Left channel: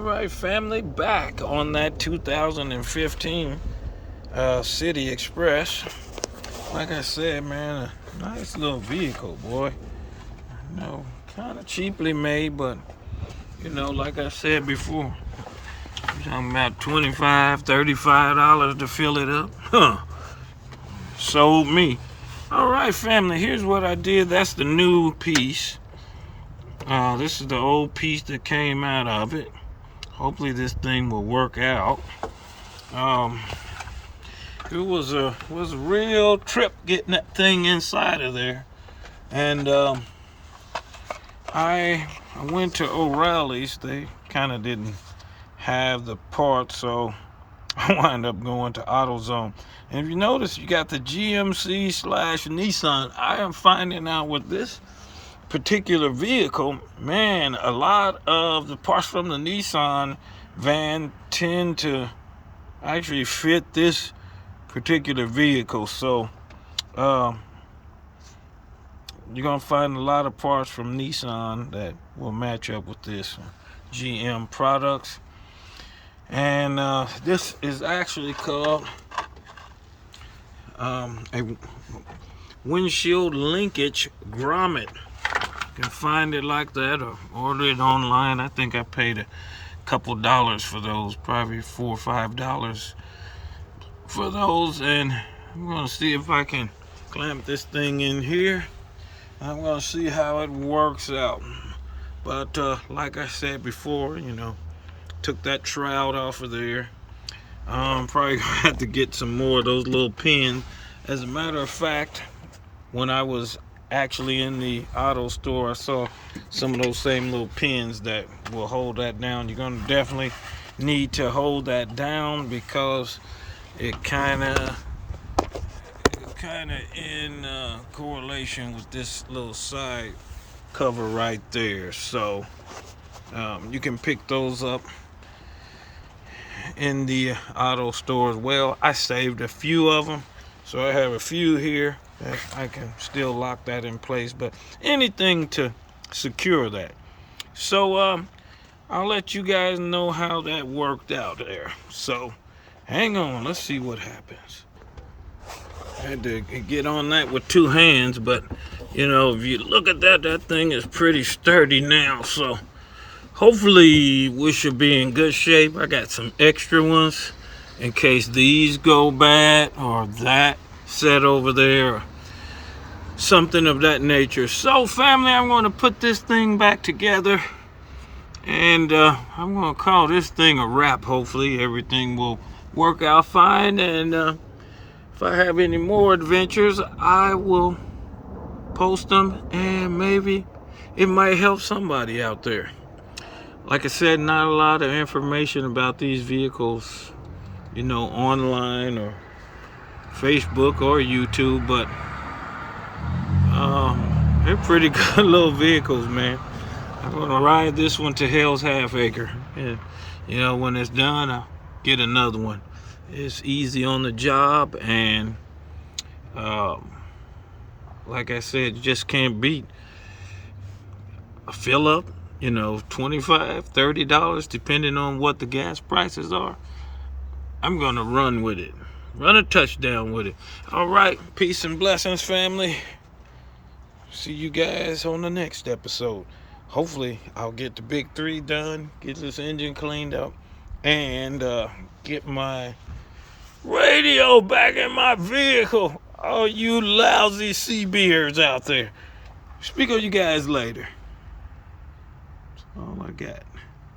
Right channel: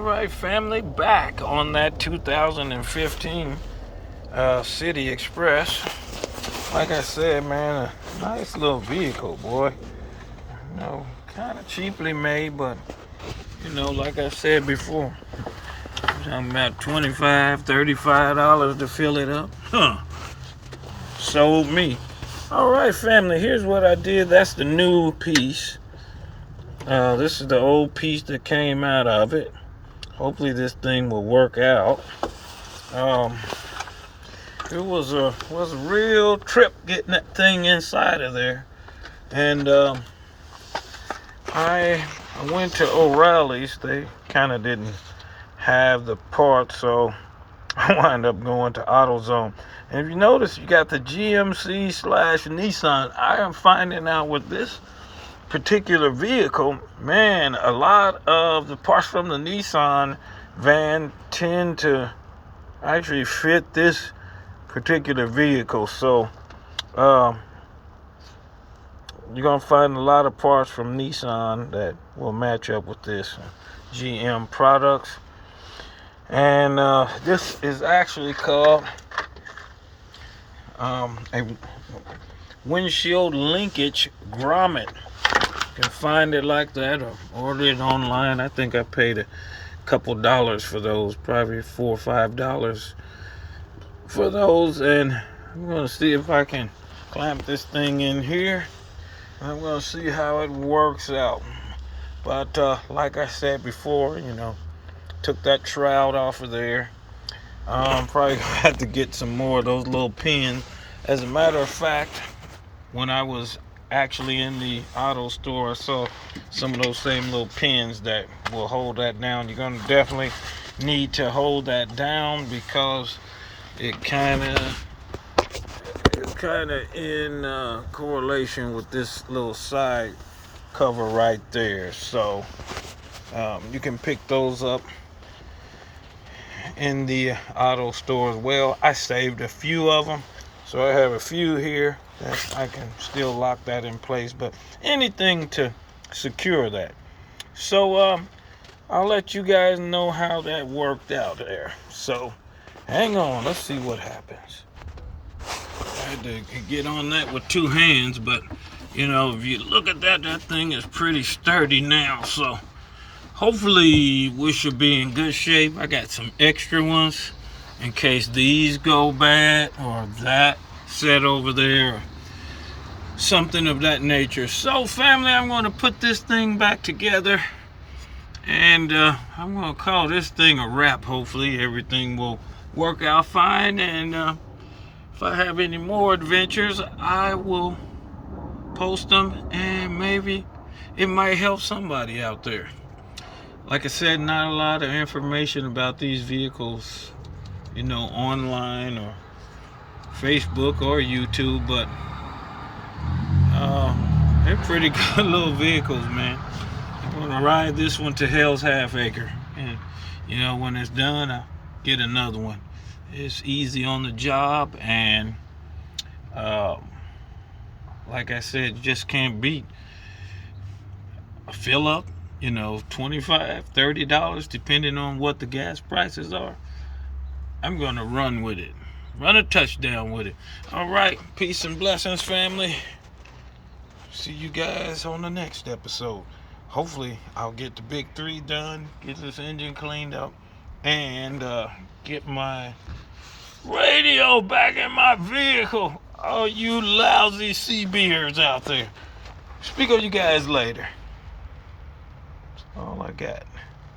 All right, family, back on that 2015 City Express. Like I said, man, a nice little vehicle, boy. Kind of cheaply made, but like I said before, I'm talking about $25, $35 to fill it up. Sold me. All right, family, here's what I did. That's the new piece. This is the old piece that came out of it. Hopefully this thing will work out. It was a real trip getting that thing inside of there. And I went to O'Reilly's. They kind of didn't have the parts, so I wound up going to AutoZone. And if you notice, you got the GMC/Nissan. I am finding out with this particular vehicle, man, a lot of the parts from the Nissan van tend to actually fit this particular vehicle. So you're gonna find a lot of parts from Nissan that will match up with this GM products. And this is actually called a windshield linkage grommet. You can find it like that or order it online. I think I paid a couple dollars for those, probably $4 or $5 for those. And I'm gonna see if I can clamp this thing in here. I'm gonna see how it works out. But like I said before, took that shroud off of there. Probably gonna have to get some more of those little pins. As a matter of fact, when I was actually in the auto store, I saw some of those same little pins that will hold that down. You're gonna definitely need to hold that down because it kind of in correlation with this little side cover right there. So you can pick those up in the auto store as well. I saved a few of them, so I have a few here that I can still lock that in place, but anything to secure that. So I'll let you guys know how that worked out there. So hang on, let's see what happens. I had to get on that with two hands, but if you look at that thing is pretty sturdy now. So hopefully we should be in good shape. I got some extra ones in case these go bad or that set over there or something of that nature. So family, I'm going to put this thing back together and I'm going to call this thing a wrap. Hopefully everything will work out fine, and if I have any more adventures, I will post them, and maybe it might help somebody out there. Like I said, not a lot of information about these vehicles, online or Facebook or YouTube, but they're pretty good little vehicles, man. I'm gonna ride this one to Hell's Half Acre, and when it's done, I'll get another one. It's easy on the job, and like I said, you just can't beat a fill up, $25, $30, depending on what the gas prices are. I'm gonna run with it, run a touchdown with it. All right, peace and blessings, family. See you guys on the next episode. Hopefully I'll get the big 3 done, get this engine cleaned up, and get my radio back in my vehicle. All you lousy seabeards out there. Speak on you guys later. That's all I got.